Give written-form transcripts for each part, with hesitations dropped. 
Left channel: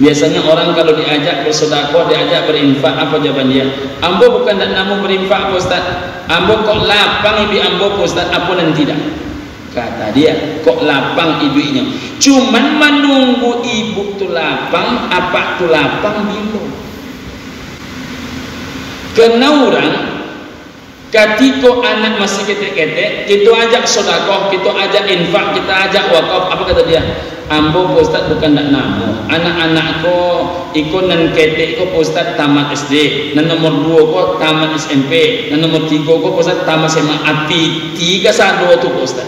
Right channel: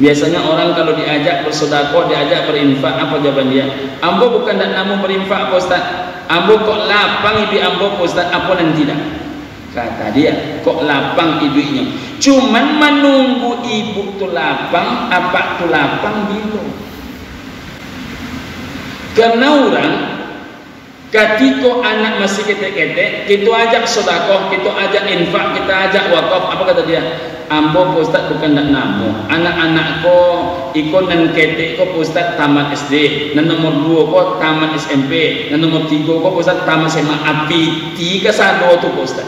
Biasanya orang kalau diajak bersedekah, diajak berinfak, apa jawaban dia? Ambo bukan nak namu berinfak Pak Ustaz. Ambo kok lapang ibu ambo Pak Ustaz, apa nanti dah? Kata dia, kok lapang ibunya. Cuman menunggu ibu tu lapang, apa tu lapang bingung. Karena orang ketika anak masih ketek-ketek, kita ajak sedekah, kita ajak infak, kita ajak wakaf, apa kata dia? Ambo Pak Ustaz bukan nak namu. Anak-anak ko ikut nan ketek ko Pak Ustaz tamat SD, nan nomor 2 ko tamat SMP, nan nomor 3 ko Pak Ustaz tamat SMA. Api 3 sado tu Pak Ustaz.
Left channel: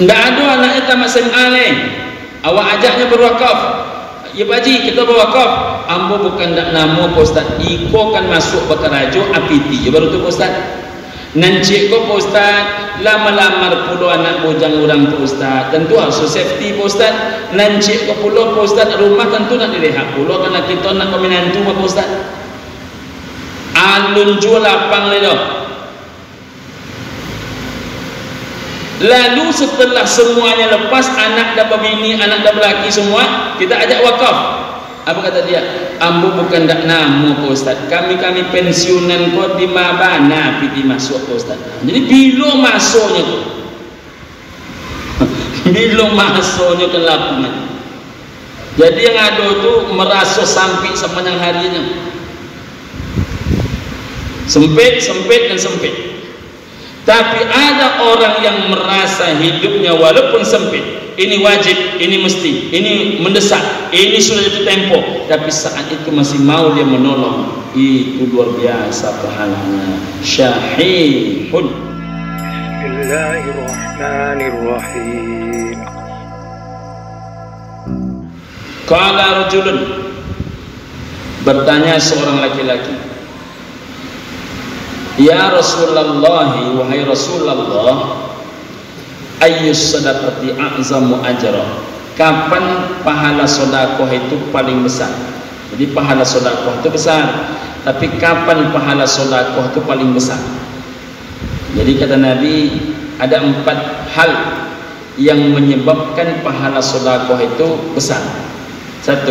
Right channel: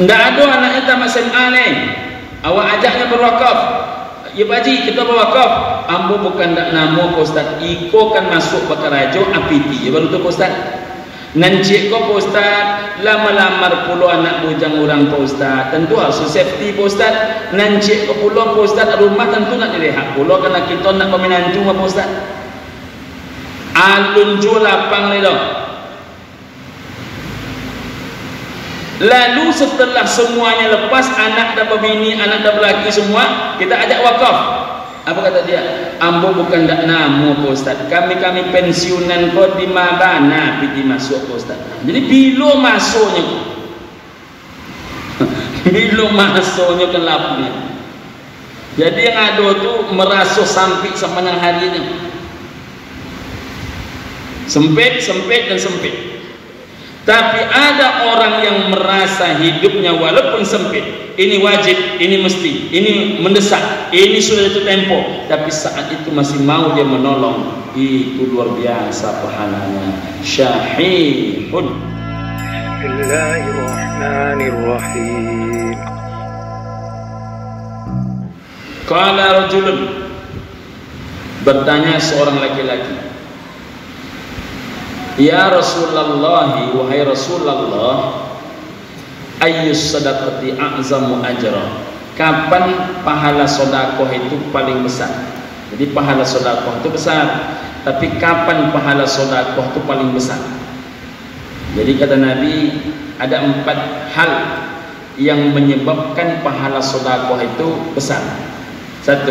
Enggak ada anaknya tamat SMA ni. Awak ajaknya berwakaf. Ya baji, kita berwakaf. Ambo bukan nak namu Pak Ustaz. Iko kan masuk kota rajo apiti. Ya baru tu Pak Ustaz. Nancik ko Pak Ustaz, lama-lamar puluh anak bujang orang Pak Ustaz. Tentu harus safety Pak Ustaz. Nancik ko puluh Pak Ustaz, rumah tentu nak dilihat puluh karena kita nak peminantu Pak Ustaz. Alun jual lapang ni dah. Lalu setelah semuanya lepas, anak dan bini, anak dan lelaki semua, kita ajak wakaf. Apa kata dia? Ambo bukan dak namu Pak Ustaz. Kami pensiunan ko di Mabana piti masuk Pak Ustaz. Jadi bila masuknya tu? Bila masuknya ke lapnya. Jadi yang ada tu merasa sempit sama dengan harinya. Sempit dan sempit. Tapi ada orang yang merasa hidupnya walaupun sempit, ini wajib, ini mesti, ini mendesak, ini sudah jatuh tempo, tapi saat itu masih mau dia menolong, itu luar biasa pahalanya. Syahihun. Bismillahirrahmanirrahim. Qala rajulun, bertanya seorang laki-laki, ya Rasulullah, wahai Rasulullah, ayyus sadaqati a'zamu ajra. Kapan pahala sedekah itu paling besar? Jadi pahala sedekah itu besar, tapi kapan pahala sedekah itu paling besar? Jadi kata Nabi, ada 4 hal yang menyebabkan pahala sedekah itu besar. 1,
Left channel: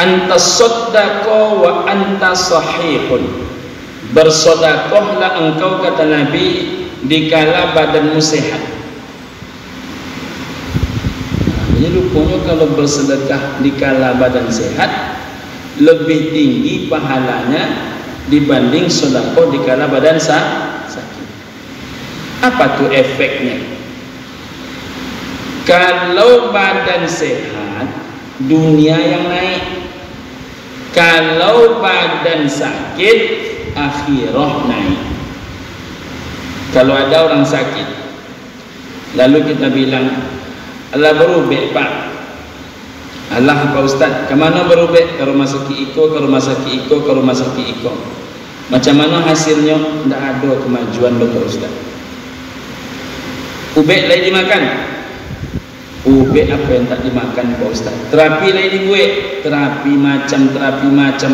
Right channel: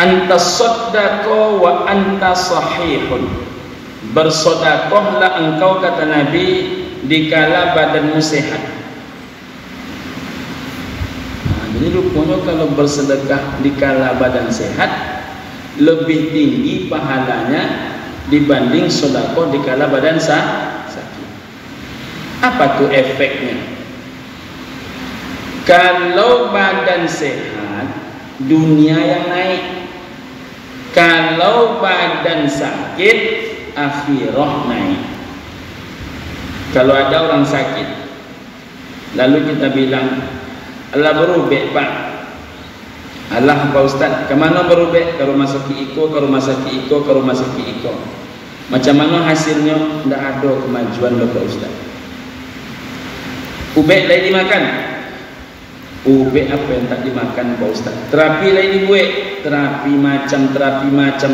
anta saddaqa wa anta sahihun. Bersedekahlah engkau, kata Nabi, dikala badanmu sehat. Jadi rupanya kalau bersedekah dikala badan sehat lebih tinggi pahalanya dibanding sedekah dikala badan sakit. Apa tuh efeknya? Kalau badan sehat, dunia yang naik. Kalau badan sakit, akhirah naik. Kalau ada orang sakit, lalu kita bilang, Allah berubah Pak. Allah Pak Ustaz, kemana berubah? Ke rumah sakit Iko, ke rumah sakit Iko, ke rumah sakit Iko. Macam mana hasilnya? Tidak ada kemajuan Pak Ustaz. Ubek lagi dimakan. Ubek apa yang tak dimakan Pak Ustaz? Terapi lagi dibuat. Terapi macam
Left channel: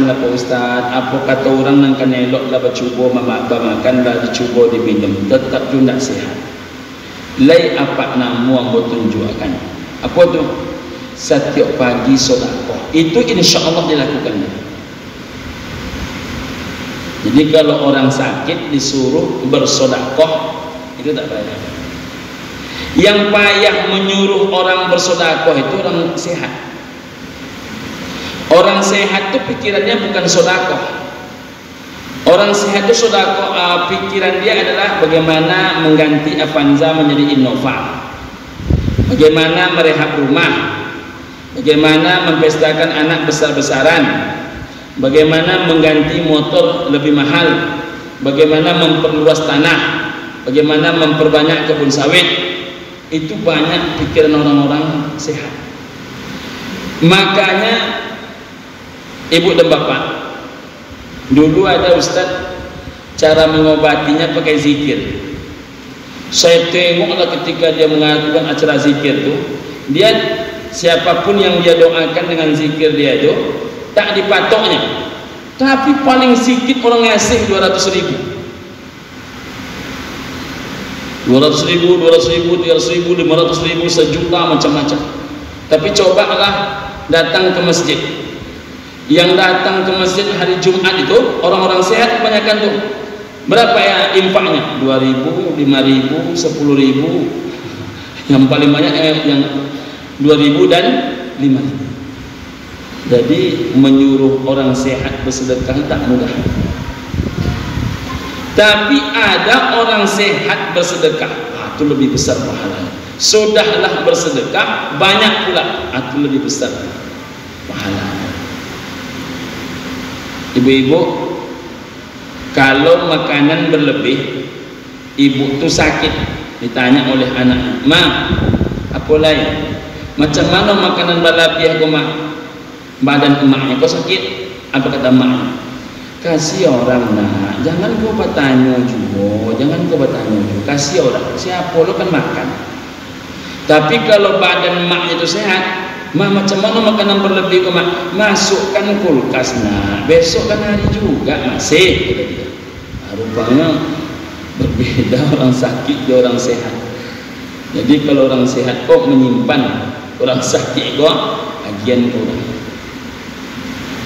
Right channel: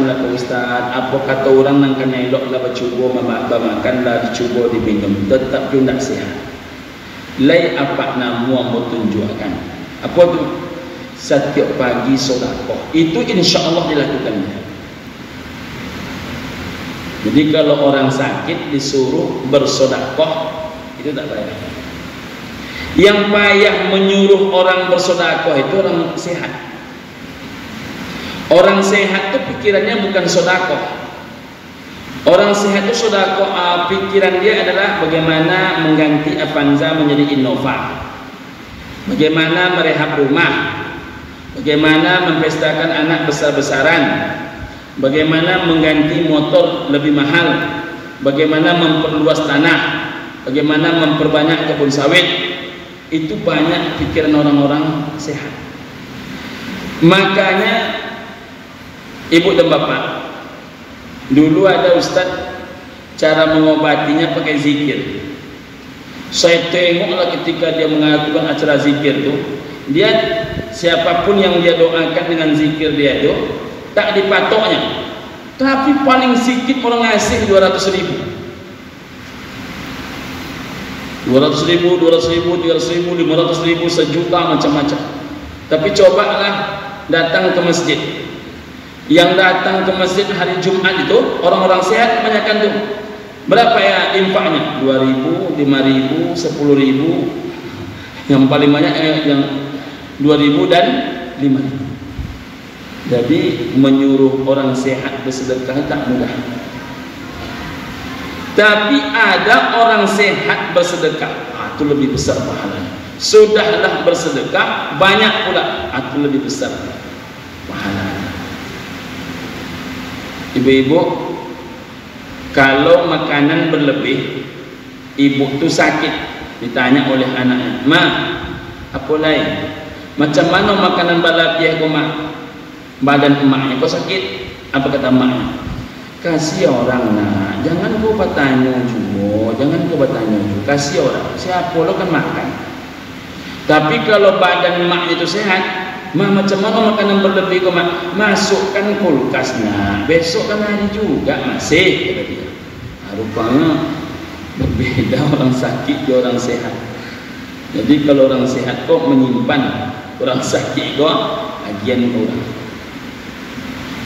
lah Pak Ustaz. Apa kata orang yang kena elok lah bercuba makan lah, dicuba diminum, tetap tu tak sihat. Lai apa namu yang tunjukkan? Apa tu? Setiap pagi sedekah. Itu insya Allah dilakukan. Jadi kalau orang sakit disuruh bersedekah, itu tak payah. Yang payah menyuruh orang bersedekah itu orang sehat. Orang sehat itu pikirannya bukan sedekah. Orang sehat itu sedekah, pikiran dia adalah bagaimana mengganti Avanza menjadi Innova, bagaimana merehab rumah, bagaimana mempestakan anak besar-besaran, bagaimana mengganti motor lebih mahal, bagaimana memperluas tanah, bagaimana memperbanyak kebun sawit. Itu banyak pikiran orang-orang sehat. Makanya ibu dan bapak, dulu ada ustaz cara mengobatinya pakai zikir. Saya tengoklah ketika dia mengajukan acara zikir itu, dia siapapun yang dia doakan dengan zikir dia itu tak dipatoknya, tapi paling sedikit orang ngasih 200.000. 200.000, 200.000, 300.000, 500.000, sejuta, macam-macam. Tapi cobalah datang ke masjid. Yang datang ke masjid hari Jumat itu orang-orang sehat kebanyakan tuh. Berapa ya infaknya? 2.000, 5.000, 10.000. Yang paling banyak yang 2.000 dan 5.000. Jadi menyuruh orang sehat bersedekah tak mudah. Tapi ada orang sehat bersedekah, itu lebih besar pahalanya. Sudahlah bersedekah banyak pula, itu lebih besar pahalanya. Ibu-ibu, kalau makanan berlebih, ibu tu sakit, ditanya oleh anaknya, "Ma, apa lain? Macam mana makanan berlebih aku, Mak? Badan emaknya kok sakit?" Apa kata emaknya? "Kasih orang, nak, jangan kau bertanya juga, jangan kau bertanya juga, kasih orang, siapa lo kan makan." Tapi kalau badan emaknya itu sehat, "Ma, macam mana makanan berlebih kau, Mak?" "Masukkan kulkas, nak, besok kan hari juga masih," kata dia. Rupanya berbeda orang sakit dan orang sehat. Jadi kalau orang sehat kok menyimpan, orang sakit kok bagian kurang.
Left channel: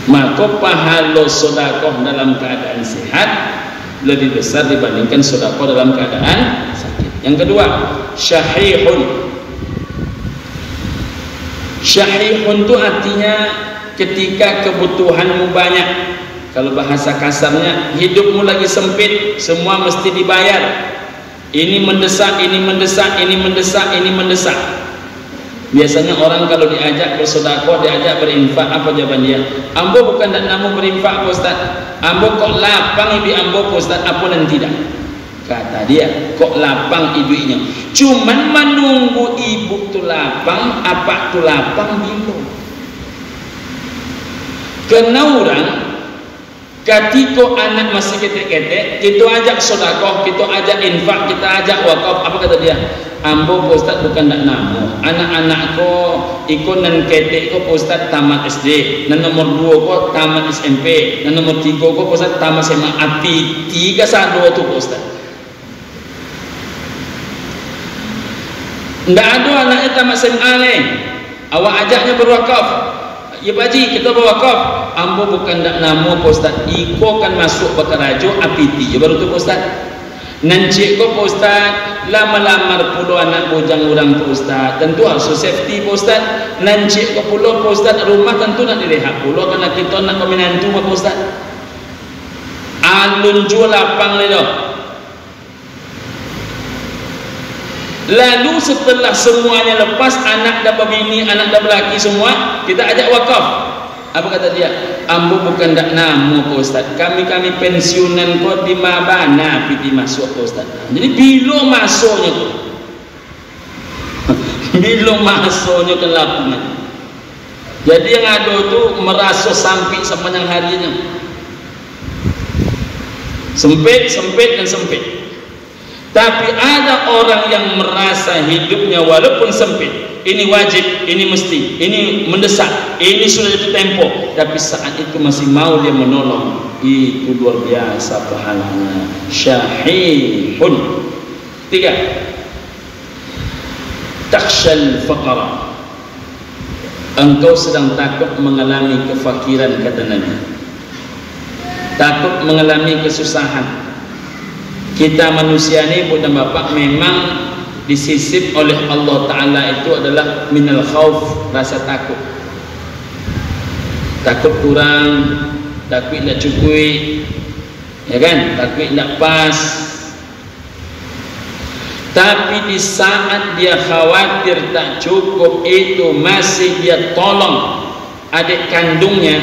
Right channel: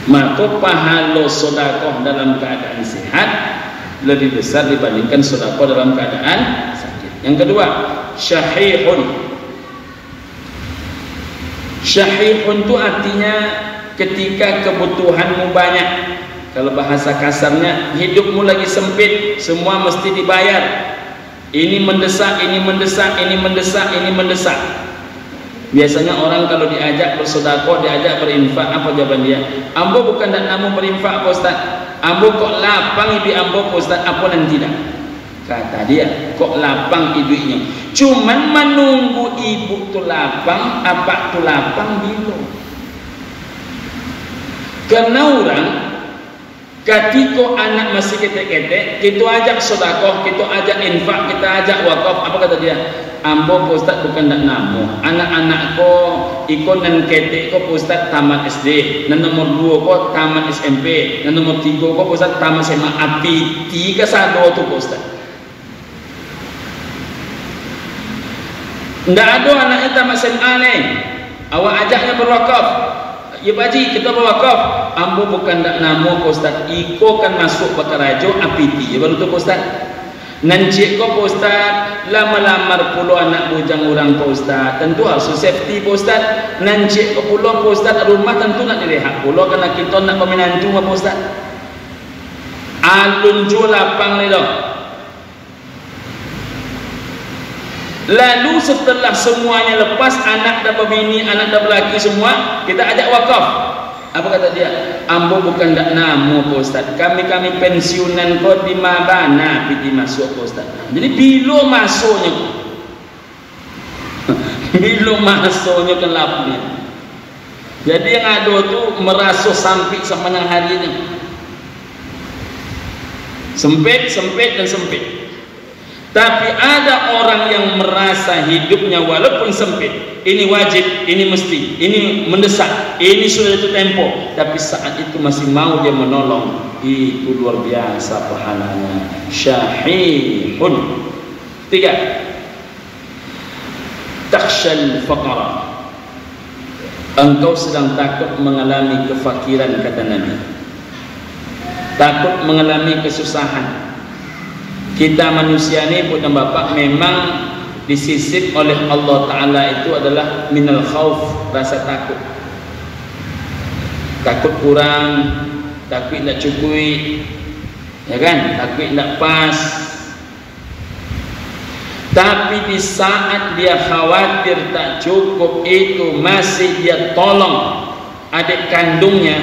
Maka pahala sedekah dalam keadaan sehat lebih besar dibandingkan sedekah dalam keadaan sakit. Yang kedua, syahihun. Syahihun itu artinya ketika kebutuhanmu banyak. Kalau bahasa kasarnya, hidupmu lagi sempit, semua mesti dibayar. Ini mendesak, ini mendesak, ini mendesak, ini mendesak. Biasanya orang kalau diajak bersedekah, diajak berinfak, apa jawaban dia? "Ambo bukan nak namu berinfak, Pak Ustaz. Ambo kok lapang ibu ambo, Pak Ustaz, apa nanti dah?" Kata dia, kok lapang ibunya. Cuman menunggu ibu tu lapang, apa tu lapang bingung. Karena orang ketika anak masih ketek-ketek, kita ajak sedekah, kita ajak infak, kita ajak wakaf, apa kata dia? "Ambo, Pak Ustaz, bukan nak namu. Anak-anak ko ikut nan ketek ko, Pak Ustaz, tamat SD. Nan nomor 2 ko tamat SMP. Nan nomor 3 ko, Pak Ustaz, tamat SMA. Api 3 sado tu, Pak Ustaz." Nggak ada anaknya tamat SMA ni. Awak ajaknya berwakaf. "Ya Baji, kita berwakaf." "Ambo bukan nak namu, Pak Ustaz. Iko kan masuk bakarajo apiti." Ya baru tu, Pak Ustaz. "Nancik ko, Pak Ustaz, lama-lamar puluh anak bujang orang, Pak Ustaz. Tentu harus safety, Pak Ustaz. Nancik ko puluh, Pak Ustaz, rumah tentu nak dilihat puluh, karena kita nak pemenantu, Pak Ustaz." Alun ju lapang ni dah. Lalu setelah semuanya lepas, anak dah berbini, anak dah berlaki semua, kita ajak wakaf. Apa kata dia? "Ambo bukan dak namu, Pak Ustaz. Kami pensiunan ko di Mabana piti masuk, Pak Ustaz." Jadi bila masuknya tu? Bila masuknya ke lapangnya. Jadi yang ada tu merasa sempit sepanjang harinya. Sempit dan sempit. Tapi ada orang yang merasa hidupnya walaupun sempit, ini wajib, ini mesti, ini mendesak, ini sudah jatuh tempo, tapi saat itu masih mau dia menolong, itu luar biasa pahalanya. Syahihun. 3, takshal faqara. Engkau sedang takut mengalami kefakiran, kata Nabi. Takut mengalami kesusahan. Kita manusia ni, Bu dan Bapak, memang disisip oleh Allah Ta'ala itu adalah minal khauf, rasa takut. Takut kurang, takut nak cukup, ya kan? Takut nak pas. Tapi di saat dia khawatir tak cukup itu, masih dia tolong adik kandungnya,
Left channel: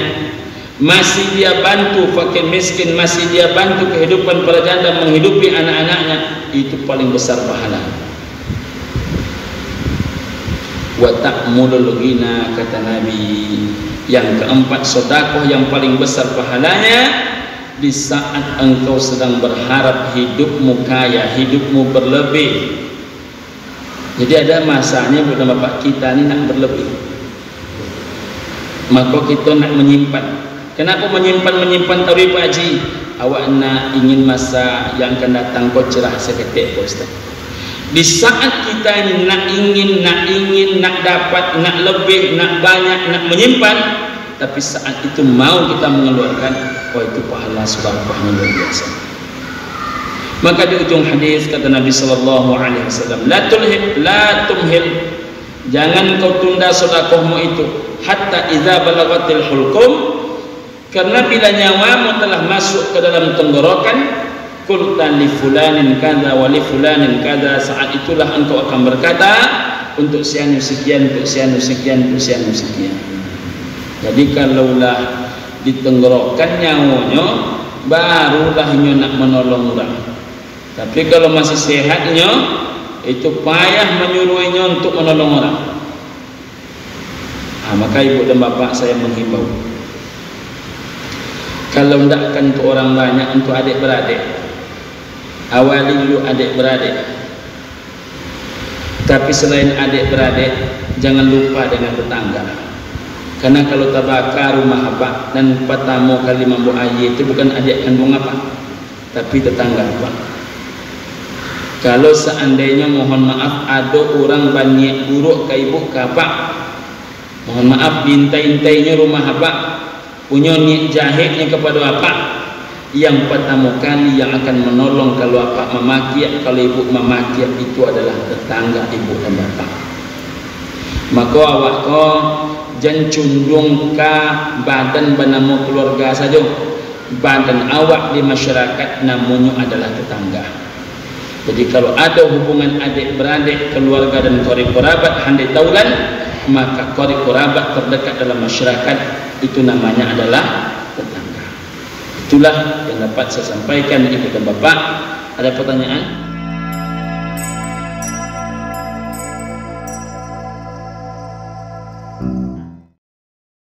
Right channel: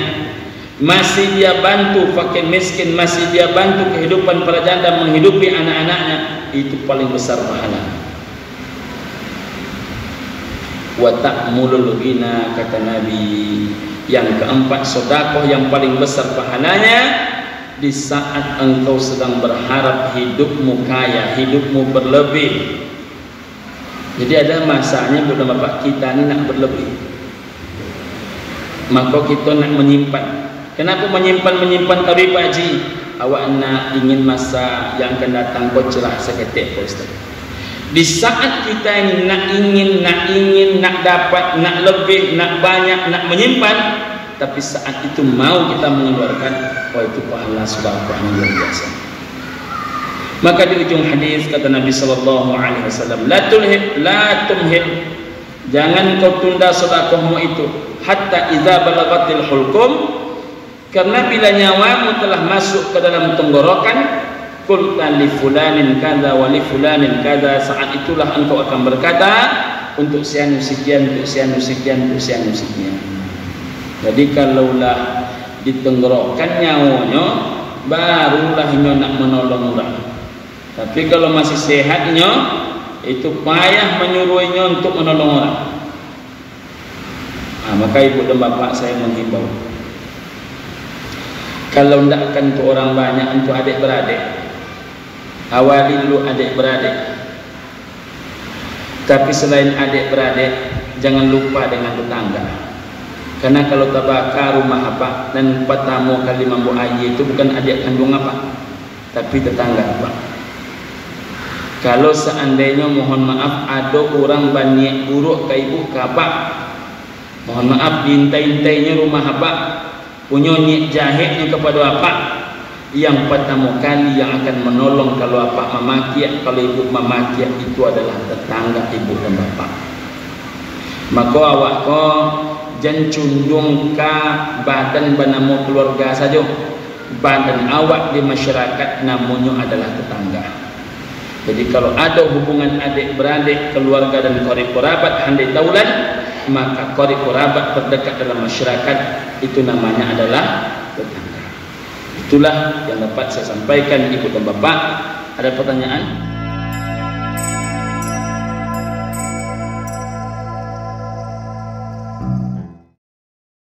masih dia bantu fakir miskin, masih dia bantu kehidupan para janda menghidupi anak-anaknya, itu paling besar pahala. Wa ta'mulul ghina, kata Nabi. Yang keempat, sedekah yang paling besar pahalanya di saat engkau sedang berharap hidupmu kaya, hidupmu berlebih. Jadi ada masanya, Bu dan Bapak, kita ni nak berlebih, maka kita nak menyimpan. Kenapa menyimpan tapi Pak Haji? Awak nak ingin masa yang akan datang kau cerah seketik, Pak Ustaz. Di saat kita ini nak ingin, nak dapat, nak lebih, nak banyak, nak menyimpan, tapi saat itu mau kita mengeluarkan, wah itu pahala sedekahnya luar biasa. Maka di ujung hadis kata Nabi sallallahu alaihi wasallam, la tumhil, jangan kau tunda sedekahmu itu hatta idza balagatil hulqum, karena bila nyawamu telah masuk ke dalam tenggorokan, qulta li fulanin kada wa li fulanin kada, saat itulah engkau akan berkata untuk sianu sekian, untuk sianu sekian, untuk sianu sekian. Jadi kalaulah ditenggorokan nyawanya, barulah nyo nak menolong orang. Tapi kalau masih sehatnya, itu payah menyuruhnya untuk menolong orang. Maka ibu dan bapak saya menghimbau, kalau ndakkan untuk orang banyak, untuk adik-beradik, awali dulu adik-beradik. Tapi selain adik-beradik, jangan lupa dengan tetangga. Karena kalau tabaka rumah apa dan patamu kali mampu ayi itu bukan adik kandung apa, tapi tetangga apa. Kalau seandainya mohon maaf ada orang banyak buruk ke ibu ke bapak, mohon maaf dintai-intainya rumah apa, punya niat jahitnya kepada bapak, yang pertama kali yang akan menolong kalau bapak memakiat, kalau ibu memakiat itu adalah tetangga ibu dan bapak. Maka awak ko jangan cundung ke badan bernama keluarga saja. Badan awak di masyarakat namanya adalah tetangga. Jadi kalau ada hubungan adik-beradik, keluarga dan qarib qarabat handai taulan, maka qarib qarabat terdekat dalam masyarakat itu namanya adalah tetangga. Itulah yang dapat saya sampaikan ibu dan bapak. Ada pertanyaan?